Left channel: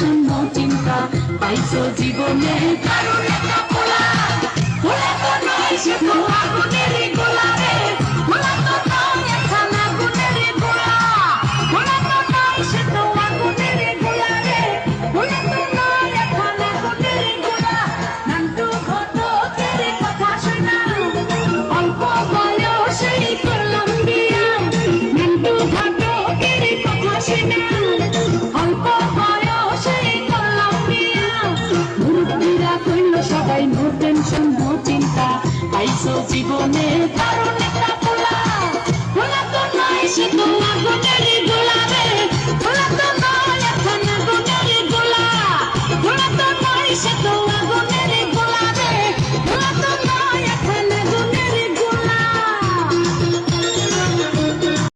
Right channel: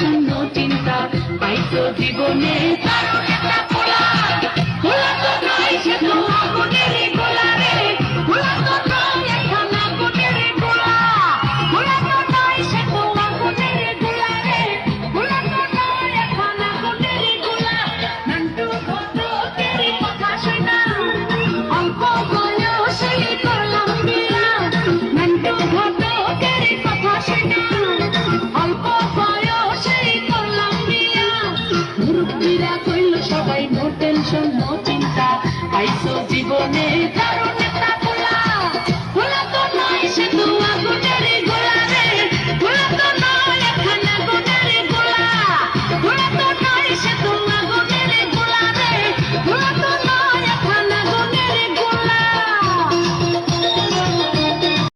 জন্য চিন্তা পাইছো জীবনে মুরব্বীরা কইল সবাই নো টেনশন